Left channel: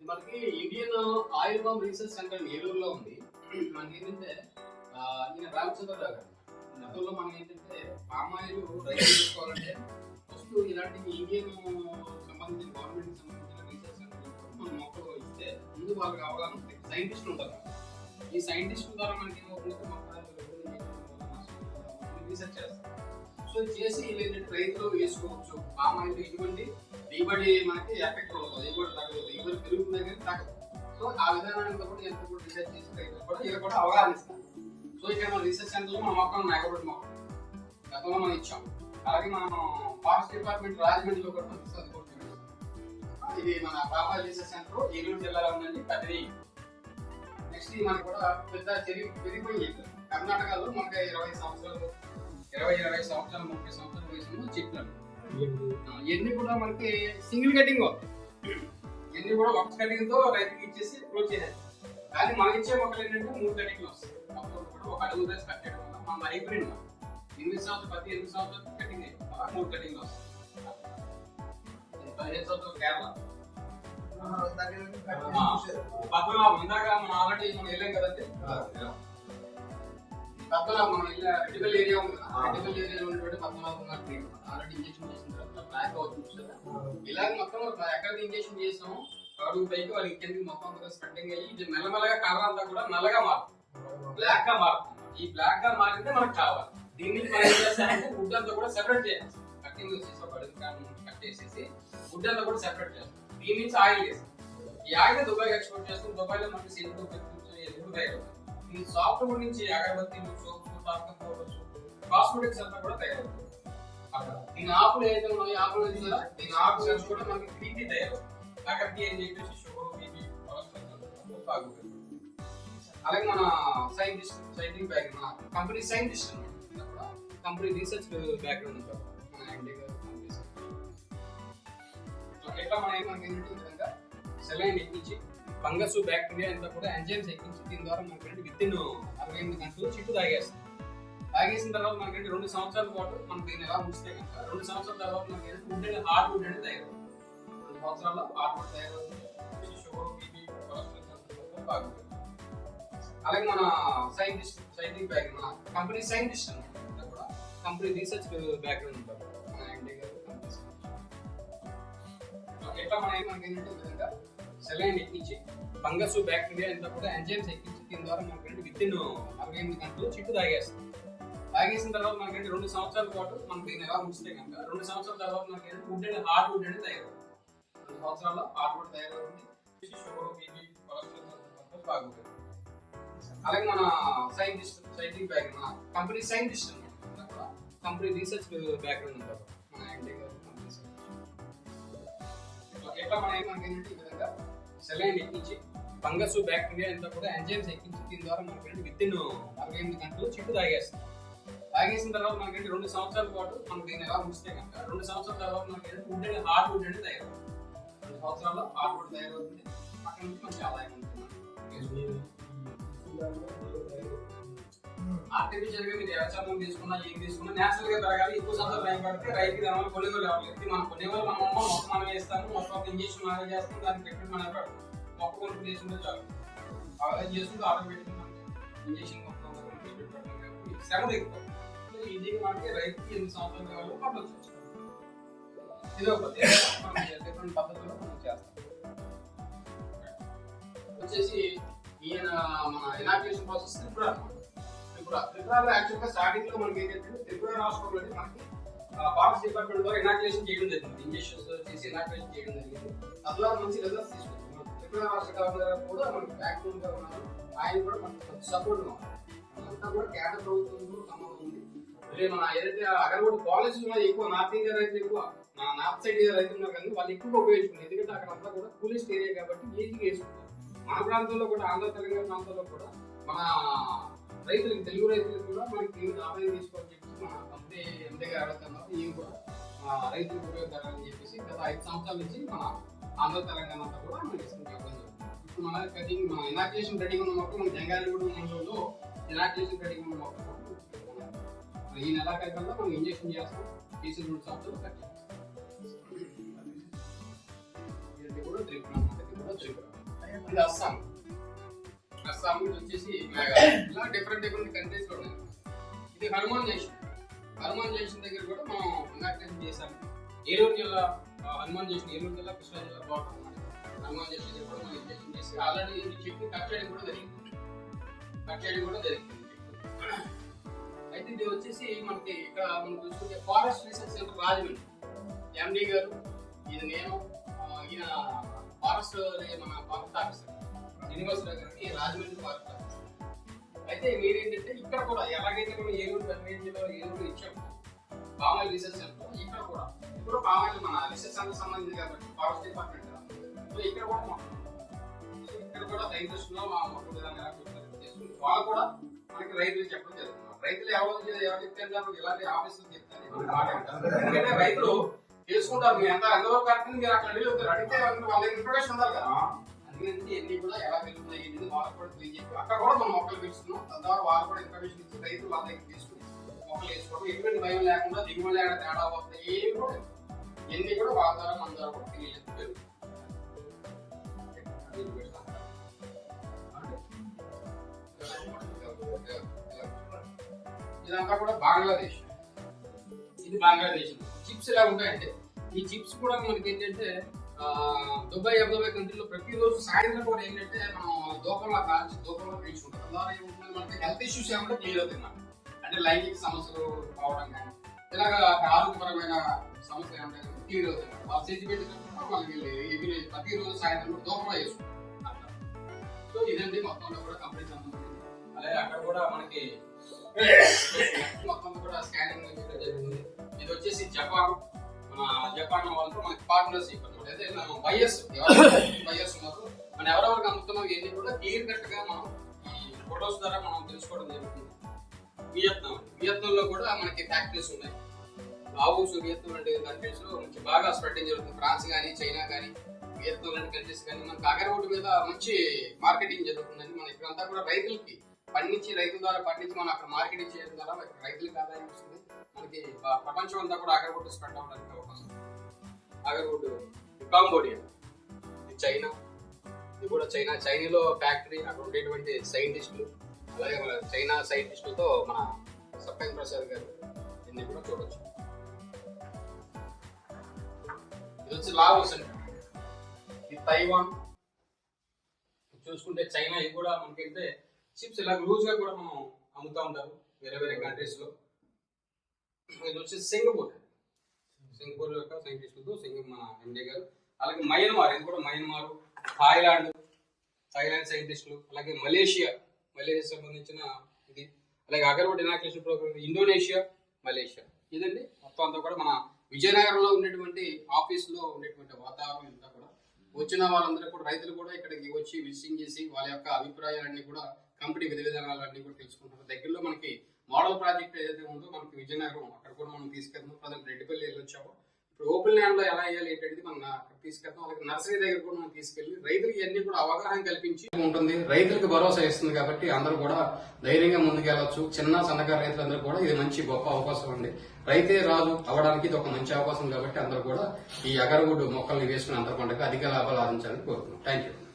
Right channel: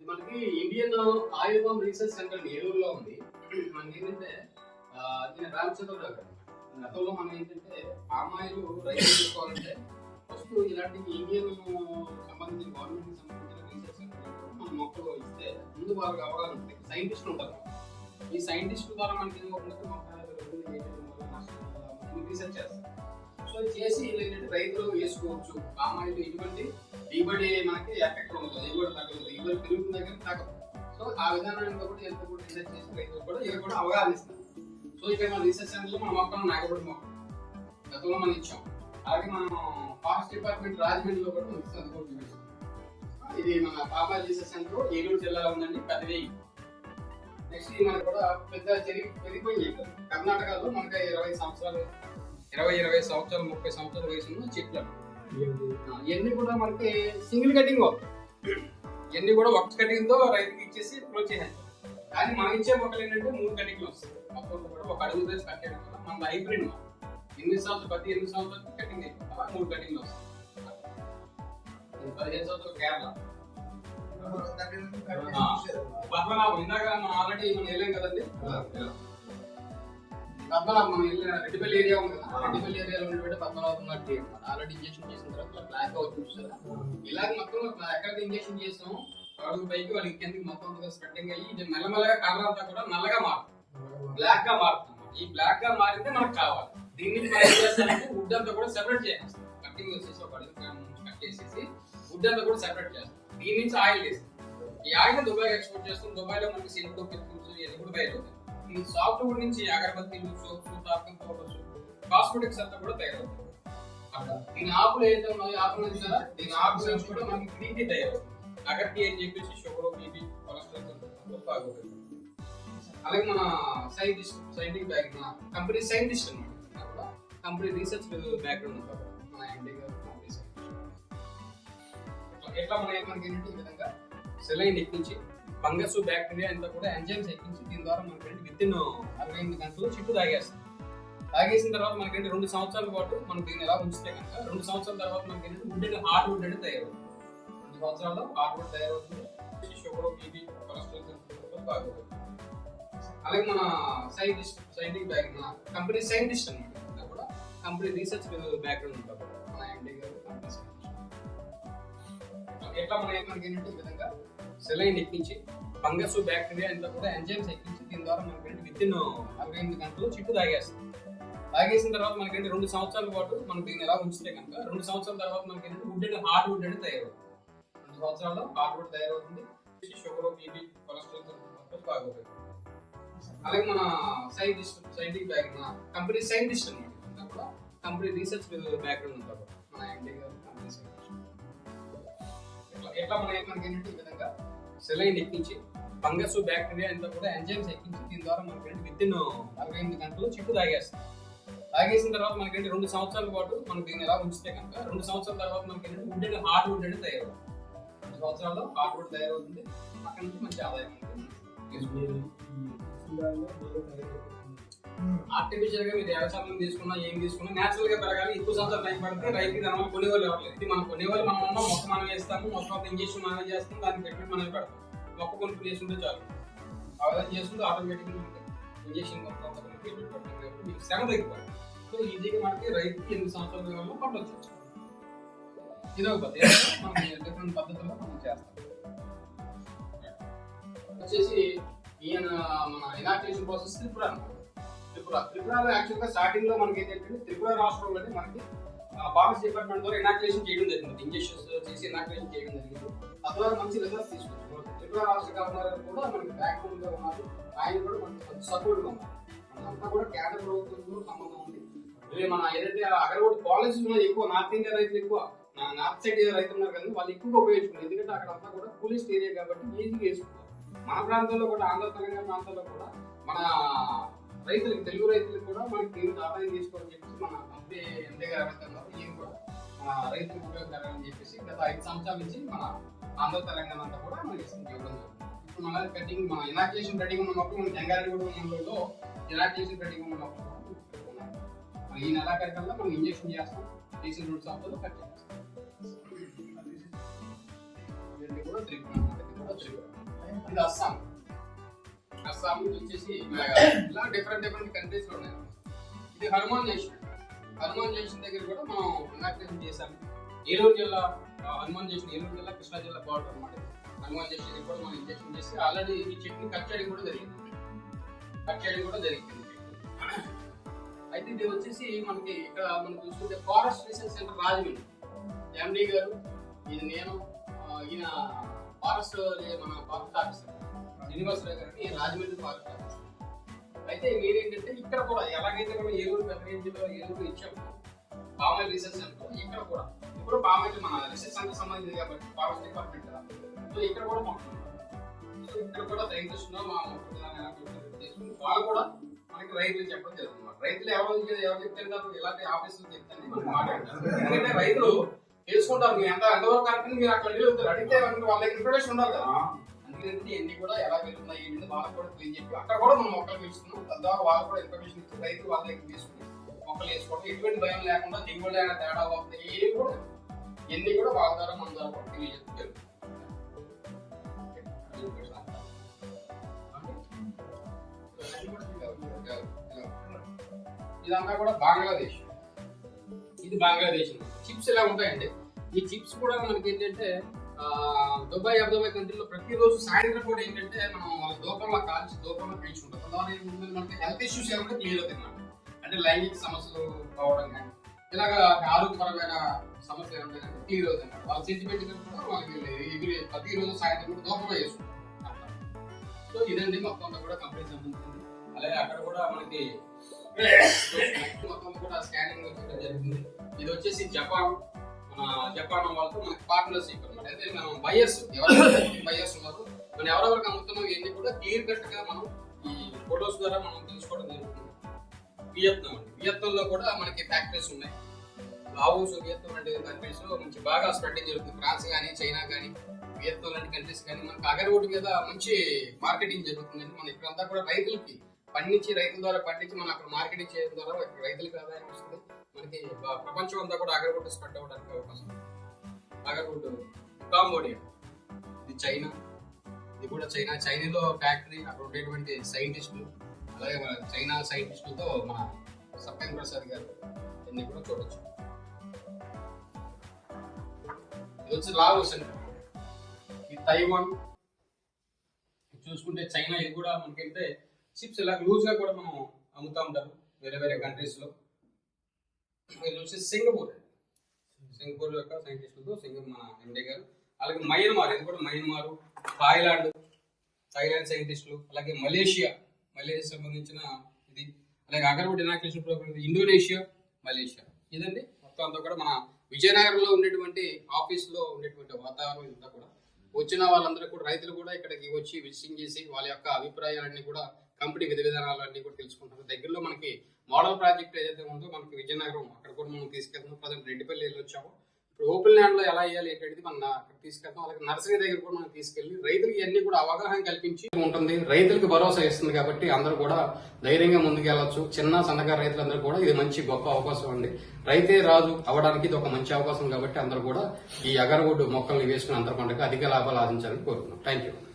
మనకి Indian oil bomb research centre ఏలూరులో ఉంది. మనకి ఏంటంటే ఈయన రామచంద్రరావు గారు గతంలో మనం ఏంటంటే పామ్ ఆయిల్ రైతు తీసుకోవాలంటే ఫస్ట్ ఇలాంటి ఇండియన్ సంబంధించిన గవర్నమెంట్ సంబంధించిన రీసెర్చ్ సెంటర్ మన మొక్కలు ఇస్తే ముందు వాళ్ళకి అవగాహన ఉంటుంది. సైంటిస్టులు ఉంటారు. ఈ సైంటిస్టుల ద్వారా మనకి ఏమవుతుందంటే రీసెర్చ్ చేస్తారు. సో చేసి ఏంటంటే రైతులు వేసుకోవచ్చు. పామ్ ఆయిల్ ఎటువంటి దిగుబడి మనకి ఎఫెక్ట్ ఉండదు, దిగుబడి తగ్గదు, దిగుబడి పెరుగుతుంది కానీ తగ్గదు. సో ఆ విధానాన్ని కూడా ఎంత కూడా రీసెర్చ్ చేసి రైతులు కూడా ఇది కూడా అవగాహన ఇస్తారు. సో ఇక్కడ మన రీసెర్చ్ సెంటర్లో మన మొక్కలు నాగబడి మొక్క గతంలో మనం ఇచ్చాం. అలాగే మనం ఫారెస్ట్ డిపార్ట్మెంట్ రాజమండ్రిలో కూడా మనకి చదువుకుంటున్నాం. ఇది మన పాపా రీసెర్చ్ సెంటర్ ఏలూరు జిల్లాలో ఉందండి. పెద్దది. నెక్స్ట్ మనకి కూడా పెద్ద పెరిగిపోయి కర్ణాటకలో మనకి 20 సంవత్సరాలు 30 సంవత్సరాల వయసులో చెట్లు ఇవన్నీ కూడా మనకి సింగిల్ కటింగ్ ఇవన్నీ కూడా ఒక కటింగ్ తో రైతుకి ఇచ్చేసి క్లోజ్ చేయాలి. కానీ మనం ఇచ్చే మొక్కలు ఏంటంటే 3 కటింగ్లు వస్తాయి. అప్పుడు కూడా ఒక అడుగు వేసి కట్ చేయడం వల్ల మన హైబ్రిడ్ 8 సంవత్సరాలు కటింగ్ అయిపోతుంది. అలా 3 కటింగ్లు వస్తాయి. 15 సంవత్సరాలు కేరళ పద్మనాభం ఇందాక మనం ఆల్రెడీ వెళ్ళాం కదండి. పద్మనాభం మనం వెళ్ళిన రెడ్డిపల్లి ఏరియా ఉంది కదా, రెడ్డిపల్లి ఏరియాలో ఉన్నటువంటి పద్మనాభం గారికి ఆల్రెడీ ఇంజక్షన్ చేసిన తర్వాత బ్లాక్ అవుతుంది. ఇలాగ మొత్తం ఎక్కడైతే ఇంజక్షన్ చేసాం అడుగు పైకి వాళ్ళకి కిందకి మొత్తం స్ప్రెడ్డింగ్ అయ్యి ఇది మెల్లమెల్లగా కలర్ అంతా కూడా నల్లగా మారుతుంది, బ్లాక్ గా మారుతుంది. ఈ బ్లాక్ గా మారితే మనకు కావాలి. దీన్ని మనం ఏం చేస్తామంటే వుడ్ అంతా కూడా సెపరేట్ చేయాలి. కటింగ్ వచ్చేసి ఒక అడుగు కట్ చేసేసి వుడ్ అంతా కూడా సెపరేట్ చేస్తాం. దీని నుంచి ఆయిల్ చేస్తాం. ఈ ఆయిల్ దుబాయ్ ఎక్స్పోర్ట్ చేస్తాం. దుబాయ్ లో మనకి సిల్క్ ఎదుగుడు తయారు. ఈ సాఫ్ట్వేర్ నుంచి అగరబత్తీలు, సోప్స్, టాపింగ్ పౌడర్స్, కాస్మెటిక్స్ అంతా కూడా తయారవుతుంది. అట్లా దీని ఆకులు ఏదైతే ఉన్నాయో ఆకులు కదా, దీని ఆకులు నుంచి కూడా మనకి గ్రీన్ టీ తయారవుతుంది. అగర్టీ అని చెప్పేసి షుగర్, బీపీ, కొలెస్ట్రాల్ తాగుతుంది. అలాగే మన సైంటిఫిక్ బ్యాక్గ్రౌండ్ మన కంపెనీ సైంటిస్ట్ అనమాట. కంపెనీ రీసెర్చ్ బ్యాక్గ్రౌండ్ ఉంటారు మన ఎండి గారు. ఎట్లా మనకి ఏంటంటే ఈ విధంగా సెలైన్ ఎక్కించి ఫంగస్, బ్యాక్టీరియా అంతా కూడా ఎంజైమ్స్ ఎక్కించి దీని ద్వారా మనకి వితిన్ 68 గంటలు చిట్టు తాగేస్తాం. తాగేసిన తర్వాత మనకి 2 సంవత్సరాల పాటు మనం దీన్ని ఎలా ఉంచితే కనుక 2 సంవత్సరాల తర్వాత మనకి వుడ్ అనేది హార్డ్ వుడ్ అనేది తయారవుతుంది. 2 సంవత్సరాల్లో హార్డ్ వుడ్ తయారవుతుంది. షుగర్, బీపీ, కొలెస్ట్రాల్ బాగుంటుంది. అలాగే మన సైంటిఫిక్ బ్యాక్గ్రౌండ్ మన కంపెనీ సైంటిస్ట్ అనమాట. కూడా కంపెనీ రీసెర్చ్ బ్యాక్గ్రౌండ్ ఉంటారు మన ఎండి గారు. ఎట్లా మనకి ఏంటంటే ఈ విధంగా సెలైన్ ఎక్కించి ఫంగస్, బ్యాక్టీరియా అంతా కూడా ఎంజైమ్స్ ఎక్కించి దీని ద్వారా మనకి వితిన్ 68 గంటలు చిట్టు తాగేస్తాం. తాగేసిన తర్వాత మనకి 2 సంవత్సరాల పాటు మనం దీన్ని ఎలా ఉంచితే కనుక 2 సంవత్సరాల తర్వాత మనకి వుడ్ అనేది హార్డ్ వుడ్ అనేది తయారవుతుంది. 2 సంవత్సరాల్లో హార్డ్ వుడ్ తయారవుతుంది. షుగర్, బీపీ, కొలెస్ట్రాల్ బాగుంటుంది. అలాగే మన సైంటిఫిక్ బ్యాక్గ్రౌండ్ మన కంపెనీ సైంటిస్ట్ అనమాట. కూడా కంపెనీ రీసెర్చ్ బ్యాక్గ్రౌండ్ ఉంటారు మన ఎండి గారు. ఎట్లా మనకి ఏంటంటే ఈ విధంగా సెలైన్ ఎక్కించి ఫంగస్, బ్యాక్టీరియా అంతా కూడా ఎంజైమ్స్ ఎక్కించి దీని ద్వారా మనకి వితిన్ 68 గంటలు చిట్టు తాగేస్తాం. తాగేసిన తర్వాత మనకి 2 సంవత్సరాల పాటు మనం దీన్ని ఎలా ఉంచితే కనుక 2 సంవత్సరాల తర్వాత మనకి వుడ్ అనేది హార్డ్ వుడ్ అనేది తయారవుతుంది. 2 సంవత్సరాల్లో హార్డ్ వుడ్ తయారవుతుంది. అక్కడ నుంచి మంచి ఆదాయం ఉంటుంది. ఆర్టిఫిషియల్ గా మీరు వ్యవసాయం తీసుకున్నా ఏం తీసుకున్నా నేచురల్ గా పెరగాలి. ఎక్కువ సంవత్సరాలు టైం పడితే రైతుకి దాని కొనేవాళ్ళు ఎవరు. ఇది మనం కొనేవాళ్ళు మనం ఉన్నాం. మొక్క మనం వేస్తాము, మొక్క ఇంజక్షన్ మనం చేస్తాం, దాన్ని పెట్టి మనం పెడతాం. మొక్క కొనుక్కుని చేసుకుంటే చాలు. అవగాహన చేసుకుంటే ఆటోమేటిక్ మనకి ఇంజక్షన్ మొక్క శ్రమ తగ్గిపోతుంది. సో ఈజీగా మనకి రైతుకి 8 సంవత్సరాల కాలంలో పంటొచ్చు. ఇదో పద్ధతి మనం డిఫరెంట్ పద్ధతుల్లో మనం చేస్తాం. వచ్చేసి ఈయన మన ఇనాక్యులేషన్ ప్రాసెస్ త్రిపురలో యాక్చువల్ గా స్టార్టింగ్ లో మనకి ఏంటంటే త్రిపుర రాష్ట్రంలో మనకి ఫారెస్ట్ డిపార్ట్మెంట్ ద్వారా ఇనాక్యులేషన్ చేయడం జరిగింది. ఇంజక్షన్స్ చేసి ఇనాక్యులేషన్ చేయడం జరిగింది. తద్వారా మంచి రిజల్ట్స్ తీసుకుంటున్నాం. త్రిపుర రాష్ట్ర గవర్నర్ కూడా మనకి బ్యాక్గ్రౌండ్ గా ఉన్నారు. ఆయన కూడా మనకి సపోర్ట్ గా ఉన్నారు. అంతా కూడా కేంద్ర ప్రభుత్వంతో సంబంధం ఉంది. మన ఏదైతే అగరబోటి కాలేజీలో ఎక్కువ నార్త్ ఇండియా రైతులు ఎక్కువ నార్త్ సైడ్ రైతులు ఉన్నారు కానీ వాళ్ళు ఎక్కువగా ఉపయోగించుకున్నారు. ఎందుకంటే అక్కడ అంతా కూడా కూలిస్ట్ ఏరియా కాబట్టి ఈజీగా వేసుకుంటారు. మన ప్రాంతంలో కూడా ఆంధ్ర తెలంగాణ ప్రాంతాల్లో కూడా మన రైతులకి తెలుగు రైతులకు కూడా మనకి ఆదాయం తీసుకోవాలని చెప్పేసి మన కంపెనీ ఎండి గారు అడుగుతున్నారు. ఈయన కూడా రైతులకు ఉపయోగకరాలని చెప్పేసి గత 5 సంవత్సరాల నుంచి మన ఆంధ్ర తెలంగాణ అంతా కూడా మనకి ఇవ్వడం జరుగుతుంది. ఇప్పుడు మన కటింగ్ మన ఇనాక్యులేషన్ కటింగ్ ఉన్న మొక్కలు మన జంగారెడ్డిగూడ మండలంలో ఇనాక్యులేషన్ కటింగ్ ఉన్న మొక్కలు ఈ నెలాఖరికల్లా మనం ఇంజక్షన్ చేస్తాం. తీసిన 2 సంవత్సరాలు కట్ చేస్తాం. కూడా త్రిపుర, ఇది అస్సాం. ఇది వచ్చేసి మేఘాలయ. ఇలా డిఫరెంట్ కంట్రీస్ లో ఉన్నాయి. ఇది హనుమాన్ జంక్షన్ దగ్గర కూడా మనం ఇనాగ్రేషన్ చేశాము. ఏలూరు జిల్లా హనుమాన్ జంక్షన్, ఏలూరు జిల్లా కృష్ణా జిల్లా బార్డర్ అన్నమాట. హనుమాన్ జంక్షన్ దగ్గర కూడా మనం ఇంజక్షన్ చేసి ఆల్రెడీ ఈ చెట్ని కట్ చేయడం కూడా జరిగింది. అయితే ఇది వచ్చేసి మనకి ఇక్కడ మనం చూసుకుంటే ఫారెస్ట్ రీసెర్చ్ సెంటర్ రాజమండ్రి, ఎండి గారు, ఇది నేను, ఈయన ఫారెస్ట్ మన ఫారెస్ట్ ఆఫీసర్ శ్రీనివాసరావు గారికి రాజమండ్రి ఫారెస్ట్ ఆఫీసర్. అయితే మీరేంటంటే ఇక్కడ కూడా ఎలాగైతే మనం ఏలూరు పెద్ద రేంజ్లో ఏలూరు ఇచ్చాము పామాయిల్ రీసెర్చ్ సెంటర్, ఇక్కడ కూడా ఇప్పుడు పామాయిల్ మన రీసెర్చ్ సెంటర్ సంబంధించింది కాబట్టి ఫారెస్ట్ డిపార్ట్మెంట్ కదా, సో ఇక్కడ కూడా ఇక్కడ కూడా రైతులు వాళ్ళు కూడా మనకి రైతులు చెప్పడం జరుగుతుంది. రైతులు ఎవరు చెప్తే ఇలాంటి ఆఫీసులు చెప్తాను. ఎందుకంటే రైతులు తెలుసుకుంటారు మీరు ఎంతవరకు కరెక్ట్, మీరు అక్కడ అడిగితే వాళ్ళ ఇన్ఫర్మేషన్ ఉండాలి కదా. అందుకని ఎన్ని కూడా ఎలా వెళ్తున్నాయి వాళ్ళకి కూడా తెలియజెప్పి అక్కడ కూడా మనం మొక్కలు పెంచుతున్నాం. తద్వారా వాళ్ళు కూడా ఇన్ఫర్మేషన్ ఇచ్చి రైతులు వాళ్ళ దగ్గర తీసుకుని మొక్కలు వేసుకోవడం, ఎటువంటి భయం లేకుండా దిగుబడి అయినా తేడా అవుతుంది ఏమి కూడా ఎన్ని కూడా వాళ్ళ ద్వారా మన ద్వారా కూడా తెలియజేస్తారు. ఇదంతా కూడా బంగ్లాదేశ్. ఇది బంగ్లాదేశ్. చిప్స్ ఎలా ఉంటాయంటే ఈ చిప్స్ కూడా మనకి ఏంటంటే దుబాయ్ అబుదాబి కంట్రీలో ప్రతిరోజు సాయంత్రం కూడా ఏంటంటే మనం దూపంలో కాల్చి దూపంలో పీల్చుకుంటాం. తద్వారా ఏముంటుంది మనకి హెల్త్ ఇష్యూస్ ఏమంటే క్లియర్ అవుతుంది అన్నమాట. అంటే లైంగిక సమస్యలు రావడం కానీ ఇలాగ ఆరోగ్యపరమైన సమస్యలు ఏమంటే క్లియర్ అవుతుంది. వాళ్ళు సెంటిమెంట్ కూడా వాళ్ళకి ప్రతిరోజు సాయంత్రం కూడా దూపంలో వేసుకుంటాం. సో ఇదండి మొత్తం కూడా కంప్లీట్ సంబంధించింది. అలాగే అక్కడ కూడా మనకి మొత్తం కూడా స్కానింగ్ జరుగుతుంది. ఇది వచ్చేసి జపాన్ వాళ్ళతో మనకి పార్ట్నర్షిప్ అనమాట. అయితే మనం బయర్స్ ఉన్నారు, మనం ఎవరెవరికి అమ్ముతున్నాం ఇవన్నీ కూడా క్లియర్ కట్ గా మనం ఈ ఫొటోస్ ద్వారా మనం తెలుసుకోవడం జరుగుతుంది. వియత్నంలో కూడా మనకి ఫ్యాక్టరీస్ ఉన్నాయి. లావోస్, వియత్నం లాంటి కంట్రీస్ లో మంచి బాగా స్ప్రెడ్డింగ్ జరుగుతుంది. ఫ్రాన్స్ కానీ, చైనా కానీ, వియత్నం లాంటి కంట్రీస్ కానీ మనకి అగరవుడ్ మీద మంచి మార్కెటింగ్ జరుగుతుందండి. మన ఇక్కడంతా కూడా రైతులకి పండించి రైతుల ద్వారా పండించి మనం అక్కడ మార్కెటింగ్ చేయడం ద్వారా రైతులకు ఆదాయం వస్తుంది. మనకి ప్రపంచం అంతా కూడా అగరవుడ్ స్ప్రెడ్ అవడానికి అవకాశం. అగరవుడ్ కాంబోడియా, ఇది చైనా, ఇది కూడా చైనాలో ఫ్యాక్టరీ, అక్కడ ఉండేటువంటి సైంటిస్టులు, అలాగే మన చైనా సైంటిస్టులతో మన సత్యం ప్రసాద్ గారు ఇవన్నీ కూడా చూడవచ్చు. ఇది వచ్చి లావోస్ అండి, ఇది తైవాన్. చూసుకుంటే చైనా, ఇది కూడా మనకంటే చిప్స్ ఇలా లూజ్ గా కూడా మనం అమ్ముతూ ఉంటారు వేరే కంట్రీస్ లో. ఇది వచ్చి సింగపూర్ యొక్క సైంటిస్టులతో మన ఇండియా గారు. అలాగే మయన్మార్, ఇది కూడా మయన్మార్, థాయిలాండ్ సైంటిస్టులు, అలాగే మలేషియా సంబంధించిన ఇది, అలాగే agarwood inauguration program Indonesia, Malaysia. ఇదండి మొత్తం అంతా కూడా మన విజయనగరంలో ఉండేటువంటి ఆఫీస్ లో ఉండేటువంటి వాతావరణం ఇంతా కూడా వచ్చిన వాళ్ళందరూ కూడా రైతులు కూడా ఇక్కడికి వచ్చి విజిటింగ్ చేసి వాళ్ళ యొక్క అభిప్రాయాలన్నీ కూడా కంపెనీ విధానాలన్నీ కూడా తెలుసుకుంటారు. దగ్గరలో మనకి మోడల్ ప్రాజెక్ట్ ఏదైతే ఉందో మనకి విజయనగరం, అక్కడ కూడా మనం తీసుకెళ్తాం. ప్రజెంట్ రెడ్డిపల్లి వెళ్ళొచ్చాము. ఇప్పుడు ఓపెన్ ల్యాండ్ లో ఎలా వేయాలి ఏంటంటే మనం అక్కడ తీసుకెళ్తాం. అలాగే నర్సరీ దగ్గర కూడా మనం తీసుకెళ్లి రైతులకి ఇవన్నీ కూడా అవగాహన కల్పించి ఉంటుంది. రైతులకు భరోసా ఇస్తుంది కాబట్టి అందరూ కూడా ధైర్యంగా ముందుకెళ్లొచ్చు. చిన్న సన్నకారు రైతులందరూ కూడా ఇది మంచి గొప్ప అవకాశం అండి. రైతే రాజు అవడానికి ఇది ఒక మంచి అవకాశం కాబట్టి అందరూ కూడా ఈ అగరవుడ్ మొక్కల్ని వేసుకుని అంతర పండుగ అధిక లాభాలు ఆర్జించాలని కోరుతున్నాం. Thank you.